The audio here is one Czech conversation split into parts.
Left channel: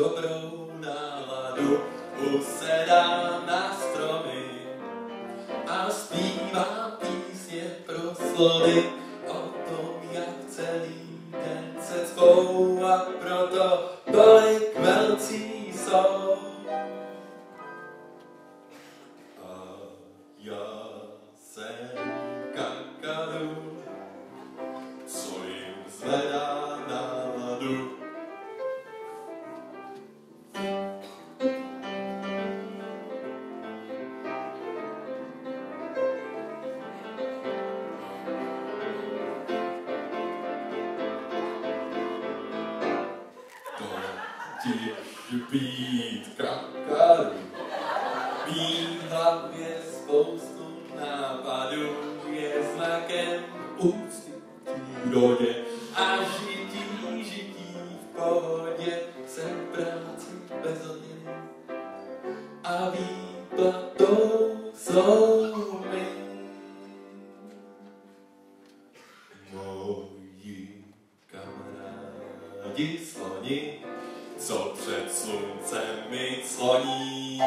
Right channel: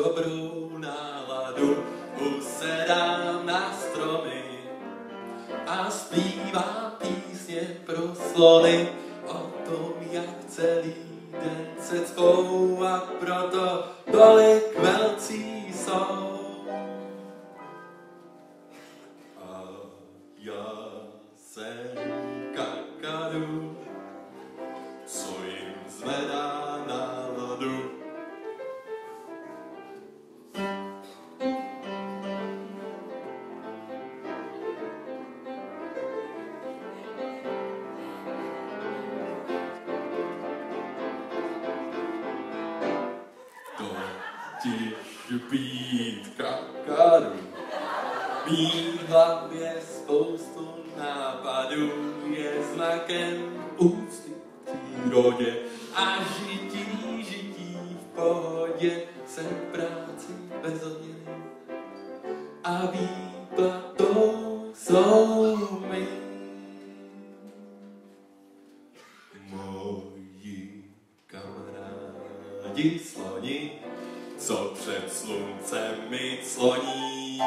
dobrou náladu, usedám na stromy a zpívám písně pro slony o tom, jak celý den se cpou a proto tolik velcí jsou. A já jsem kakadu, co jim zvedá náladu. Totiž být kakadu, mít v hlavě spoustu nápadů, je znakem úcty k přírodě a žití v pohodě. Jsem v práci bez odměny a výplatou jsou my. Moji kamarádi sloni, co před sluncem mi cloní.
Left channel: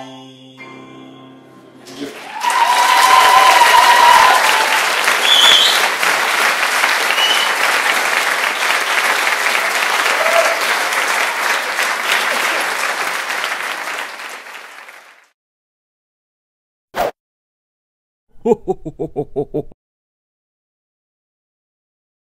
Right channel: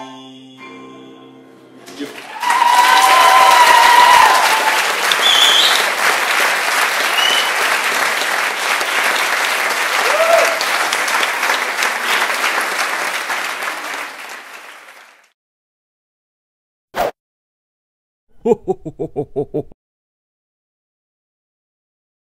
Ho, ho, ho, ho, ho, ho.